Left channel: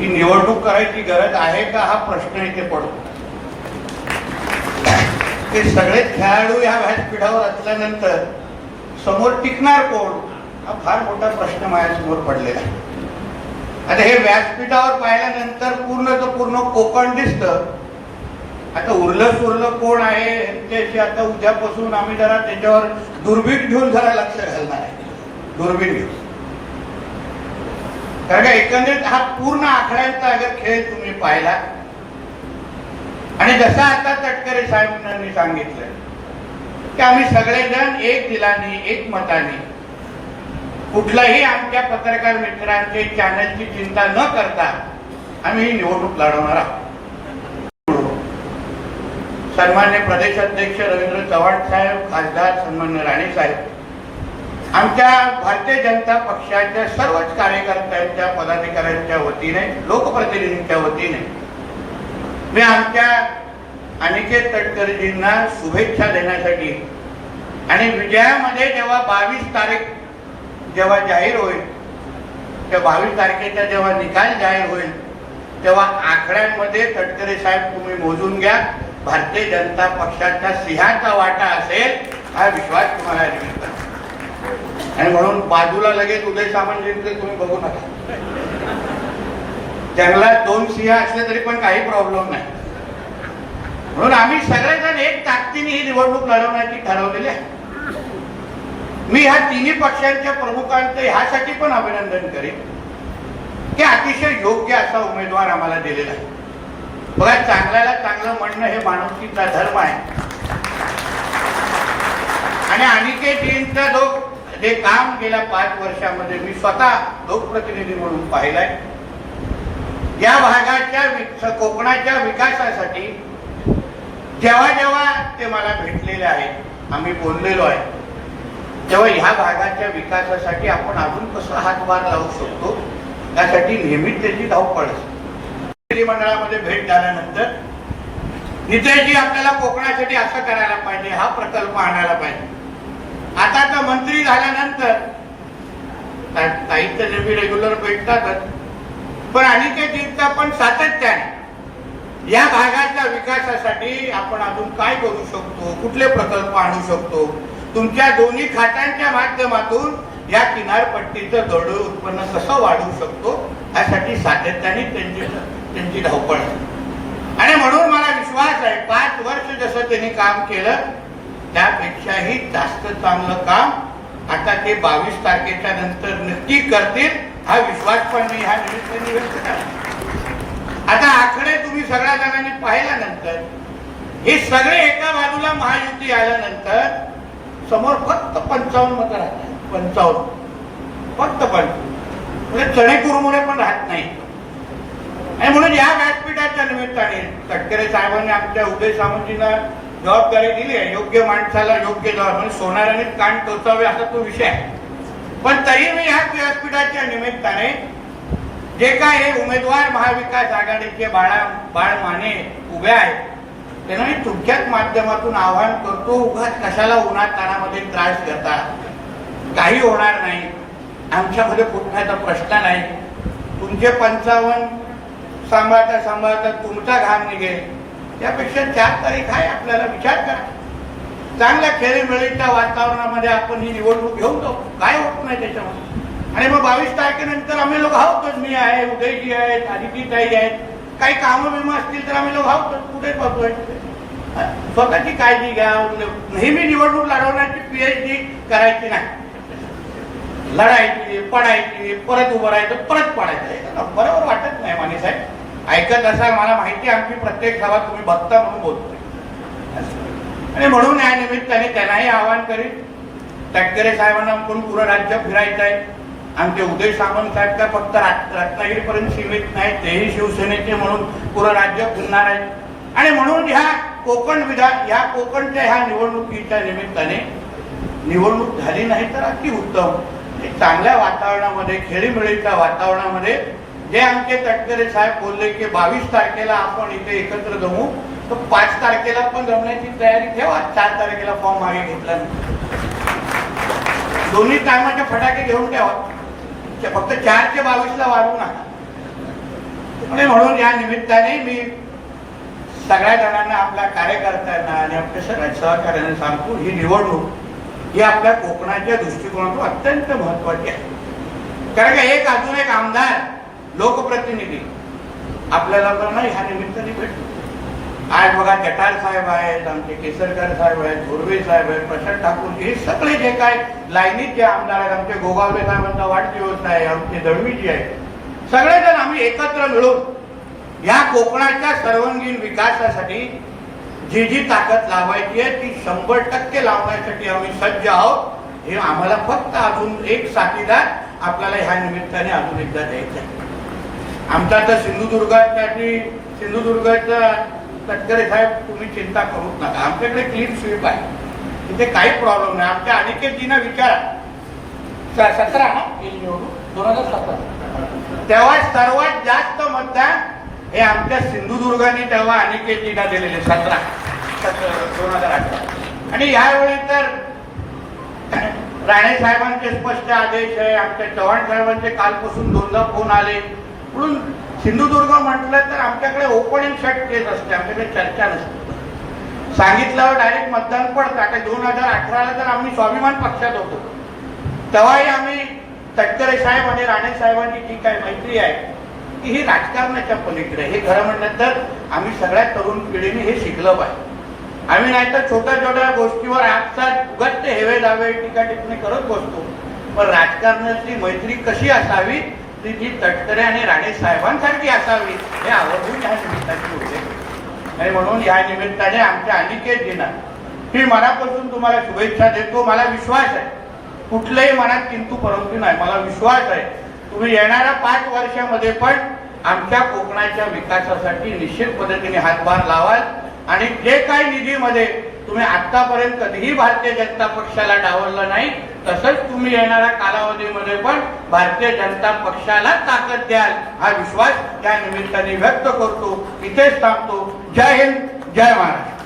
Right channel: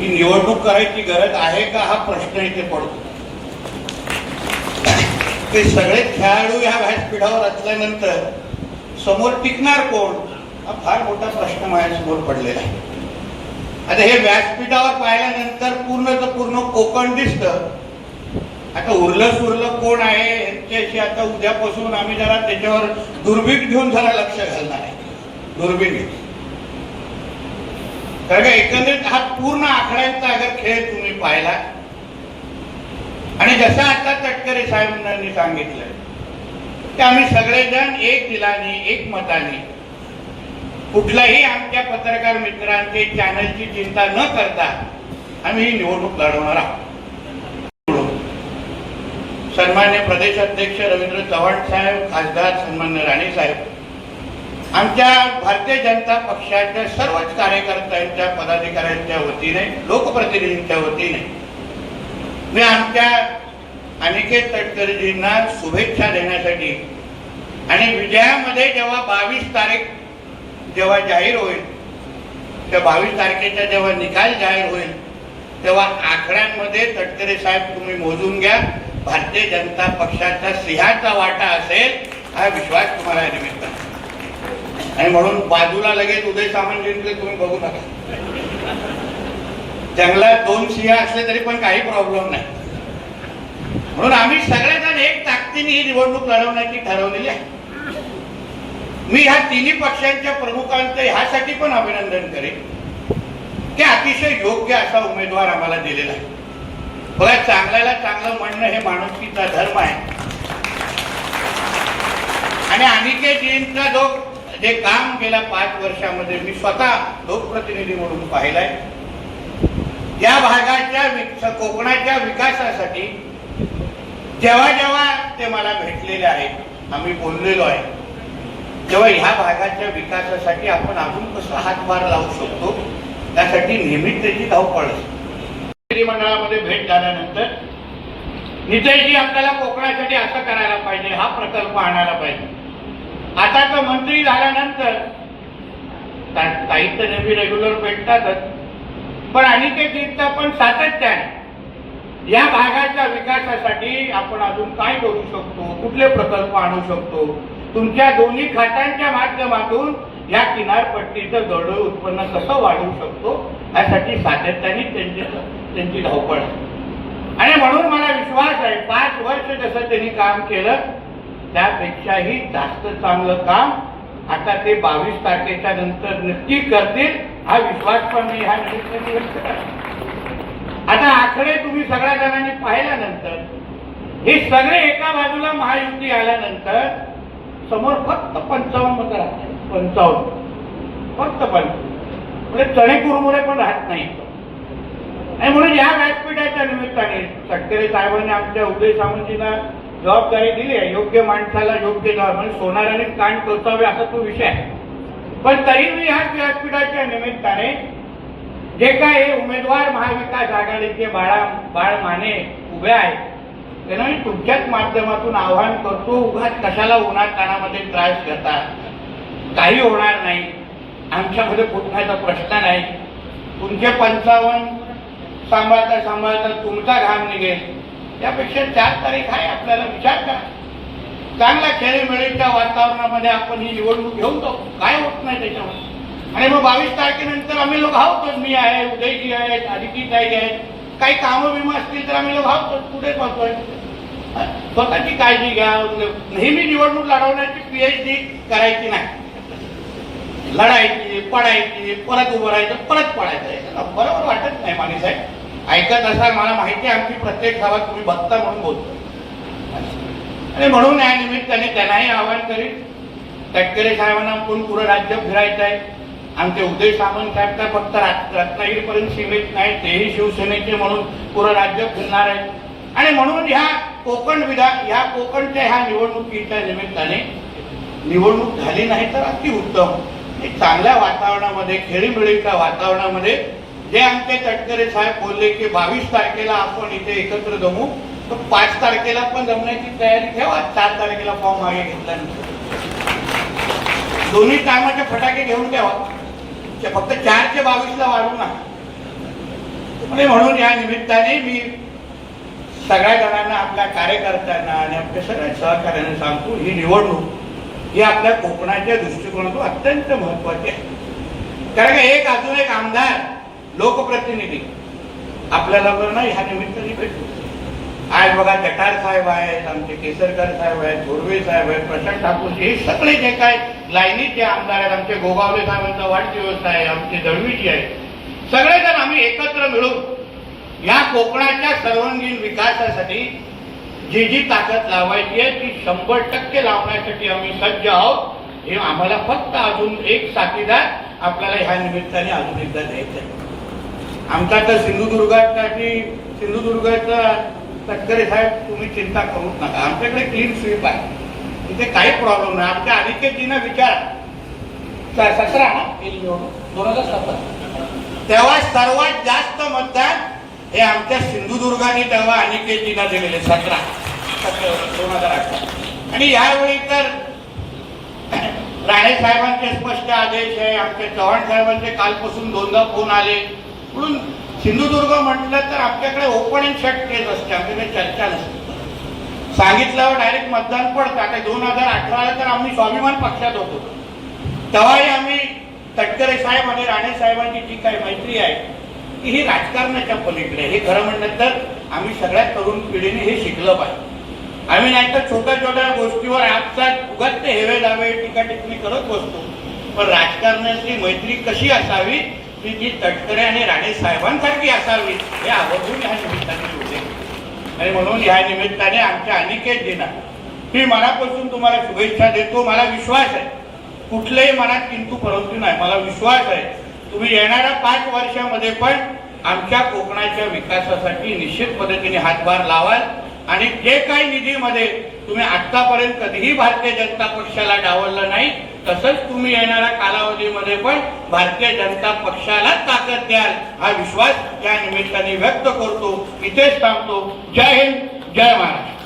ही निवडणूक करायची गरज आहे का हा प्रश्न इथे पडतो. ते सगळे खेळाडू या व्यासपीठावर असल्यानंतर समोर टिकणार कोण हा फार मोठा प्रश्न माझ्यासमोर पडलेला आहे. आता हे व्यासपीठावर पाहिल्यानंतर पूर्ण कोकण दिसतं. आता उरलं सुरलं कोण आहे ह्याच्याशी आता उद्यापासून आम्ही जरा त्याच्यावर दुर्बीण घेऊन जरा लक्ष घालणार आहे. दुर्बीण घेऊन, कारण का एकंदरीत हा पूर्ण आकड्यांचा अगर खेळ तुम्ही पाहिला आणि जसं आता तटकरे साहेबांनी सांगितलं की आम्ही सगळेजण एक दिलाने एक मताने कुठलाही आमच्या पत्रकार मित्रांचे चॅनलची चिंता न करता आम्ही ही निवडणूक लढवणार आहोत. सन्मान्य प्रदेश अध्यक्ष रवींद्र चव्हाण साहेब, खासदार सन्मान्य राणे साहेब, आमच्या भारतीय जनता पक्षाच्या सर्वच कार्यकर्त्यांच्या पदाधिकाऱ्यांच्या वतीने, लोकप्रतिनिधींच्या वतीने मी आमच्या अनिकेत तटकरेजींना शुभेच्छा देण्यासाठी आणि विजयामध्ये जेव्हा 22 तारीख जेव्हा जाहीर होईल, त्या 22 तारखेचा जेव्हा निकाल जाहीर होईल तेव्हा आकड्यांमध्ये तटकरे साहेब तुम्ही मोजून घ्या, भारतीय जनता पक्षाचा सिंहाचा वाटा असेल हा विश्वास तुम्हाला निमित्त. आणि म्हणून बाजूला लगेच उदय सामंतजींचे तुम्ही बघू नका. जंगलात 2 सिंह असले तरी पण काही प्रॉब्लेम नाही. म्हणून आम्ही सगळेजण एक ताकदीने ही निवडणूक लढवण्याची ठरवलेली आहे. मी ह्या तिन्ही पक्षांच्या प्रमुखांचं ह्यासाठी पण अभिनंदन करेन की अतिशय योग्य असा उमेदवार आम्हाला दिलेला आहे. बघा, चांगल्याला चांगलं म्हणणं हे माणुसकीचा धर्म आहे. आणि अनिकेतजींचा जे काम गेल्या 5 वर्षामध्ये मी स्वतः लोकप्रतिनिधी म्हणून पाहिलंय. या भागाच्या कोकणाच्या विकासासाठी जेव्हा जेव्हा ते मला भेटलेले आहेत, आम्ही बोललेलो आहे, तेव्हा ह्या भागाच्या विकासासाठी आपण अजून कसं हातभार लावू शकतो त्यासाठी नेहमीच त्याची धावपळ असते. मंडळामध्ये भेट झाल्यानंतर नितेशजी आपल्याला कोकणासाठी असं करायला पाहिजे, हा प्रकल्प आणायला पाहिजे. आता तर मंत्री झाल्यानंतर साहित्य नेहमी रेग्युलर भेटतातच, पण अनिकेतजींचा पण सातत्याने या भागाच्या विकासासाठी आपण अजून काय करू शकतो, कुठले प्रकल्प आणू शकतो, तुमच्या दोन्ही खात्यांच्या माध्यमातून या किनारपट्टीचं दरडोई उत्पन्न कसं वाढवू शकतो यासाठी सातत्याने त्यांची धावपळ आहे. आणि म्हणून मला विश्वास आहे 5 वर्ष जसं त्यांनी काम केलं त्यापेक्षाही जास्त चांगलं काम आता ते 22 तारखेच्या नंतर नक्की करतील हा विश्वास पण मी ह्या निमित्ताने व्यक्त करतो. आता आकडे तुम्ही सगळ्या जणांनी पाहिल्यानंतर हे सगळे एका बाजूला महायुती आल्यानंतर समोर फक्त 55 मतं राहतात. 55 फक्त 55 म्हणजे चणेकुरमुरे पण राहत नाही. आणि म्हणून या व्यासपीठाच्या निमित्ताने तटकरे साहेबांनी आमच्या उदय सामंतजींना जबाबदारी दिली आहे. योग्य माणसाला योग्य जबाब, म्हणजे सोनाराने कान टोचावे असा तो विषय आहे. पण तरी मी ह्या व्यासपीठाच्या निमित्ताने जे काय हे उमेदवार महाविकास आघाडीचे बाळ माने उभे आहेत त्यांना मी तुमच्याच माध्यमातून आवाहन करतो, उगाच कशाला उन्हात कानामध्ये त्रास घेता, काही होणार नाही, आमच्यामध्ये फुटण्याचा प्रश्न नाही. तुमचे 55 सांभाळता तुमचा घाम निघेल, त्यापेक्षा 4 तारीख आहे, आपल्याला विचार करा. चांगल्या खेळीमेळीच्या वातावरणामध्ये आपण ही निवडणूक घेऊन जाऊ, काय होत नाही त्याच्यामध्ये. आणि मग 22 तारखेनंतर आम्ही लोक आहोतच, मी आहे, उदयजी आहेत, आदितीताई आहेत, काही कामं विमा असतील तर आम्ही लोक आहोतच, कुठे पाहतोय. स्वतःची काळजी घ्या. नेहमी निवडणूक लढवण्याची PhD करायची नाही, लढायची, पडायची, परत उभं राहायचं, परत पडायचं, बरोबर वाटत नाही. माने साहेब ऐकत असाल, मला माहिती आहे आमची प्रत्येक सभा तुम्ही बघता म्हणून बोलतो. आणि म्हणून या निमित्ताने त्यांनाही आवाहन करीन, तटकरे साहेबांना पण पुरं राज्य फिरायचं आहे. आमचे उदय सामंत साहेब तर फक्त रत्नागिरीपर्यंत सीमित नाही, तेही शिवसेनेचे म्हणून पुरं राज्य फिरणार आहे. आणि म्हणून ह्या कोकणच्या ह्या निवडणुकीच्या निमित्ताने निवडणूक झाली नाही तर अतिउत्तम. एक चांगल्या वातावरणामध्ये, खेळीमेळीच्या वातावरणामध्ये जे आमचे तटकरे साहेब बोलले की 22 तारखेला आपण इथे एकत्र जमू, तर 5 तारखेला पण जमण्याची तयारी ठेवा. 4 तारखेला फॉर्म मागे घेतला, दोन्ही टायमाचे फटाके घेऊन ठेवा. फक्त 4 ते 22 वाढू नका. आणि म्हणून या निमित्ताने मी सगळ्या जणांना, आपल्या कार्यकर्त्यांना आणि आपल्या सगळ्या सहकार्याने सांगतो, ही निवडणूक ही आपल्या कोकणाच्या दृष्टिकोनातून अत्यंत महत्वाची आहे. कारण की अजून एक आमदार, लोकप्रतिनिधी आपल्याला तर नाही ह्या निमित्ताने भेटतो. आज बघा जठार साहेब आहेत, आमचे केसरकर साहेब आहेत, धोरवे साहेब आहेत, प्रशांत ठाकूर, हे सगळे जे काय लाईनीत जे आमदार आहेत, आमचे गोगावले साहेबांचा वाढदिवस आहे, आमचे दळवीजी आहे, सगळेजण आम्ही एकत्र मिळून या कोकणाच्या सर्वांगीण विकासासाठी जी जी ताकद लावायची आहे ती 100% लावण्यासाठी आम्ही सज्ज आहोत. हे आम्हाला फक्त अजून एक साथीदार आपल्याला ह्या निमित्ताने अजून एकदा द्यायचं आहे. आमचा तर सिंधुदुर्गच्या तटकरे साहेब, तुम्ही चिंता करूच नका, आमच्याकडे क्लीन स्वीप आहे, तिथे काही प्रॉब्लेम नाही. आमच्या अनिकेतजींना विचारा, 17 ना 2017 तेव्हा सर्वात जास्त मतदान हे आमच्या सिंधुदुर्गाने तेव्हा अनिकेतजींना दिलेले 2018. आणि यावेळी तर राणे साहेबांचे स्पष्ट आदेश आहे, आमच्या चव्हाण साहेबांचे कालपासून 2दा फोन आले. म्हणून सिंधुदुर्ग म्हटलं तर आमच्याकडे ओपन अँड शट केस असते, आमच्याकडे चर्चा नसते. सांगितल्यावर डायरेक्ट मतदान पडतं. आता 2018ला तर आम्ही स्वाभिमान पक्षात होतो, तेव्हाही आम्ही तटकरे साहेब आणि राणे साहेबांची जी काही मैत्री आहे की ही राजकारणाच्या पलीकडे. हे खरं म्हणलं तर आम्ही सगळ्या तरुण पिढीने हे शिकलं पाहिजे. आम्ही नाहीतर छोट्या छोट्या गोष्टीवर आपसात उगाच हेवे दावे टीका टिप्पणी करत बसतो, पण राजकारणाची मैत्री कशी असावी ती जी तटकरे आणि राणे साहेबांसारखी असावी हे आवर्जून या निमित्ताने होते. आणि म्हणून या निमित्ताने आमच्या अनिकेतजींना मी मनापासून तुम्हाला शुभेच्छा देतो. मला विश्वास आहे, कुठल्याही मनात किंतु परंतु नाही, मला विश्वास आहे तुम्ही येणाऱ्या 5 वर्षामध्ये पण आमच्या कोकणाच्या विकासासाठी निश्चित पद्धतीने हातभार लावाल. आणि जे काही निधीमध्ये तुम्ही आतापर्यंत कधीही भारतीय जनता पक्षाला डावललं नाही, तसंच तुम्ही येणाऱ्या कालावधीमध्ये पण भारतीय जनता पक्षाला ताकद द्याल हा विश्वास या निमित्ताने व्यक्त करतो. इथेच थांबतो. जय हिंद, जय महाराष्ट्र.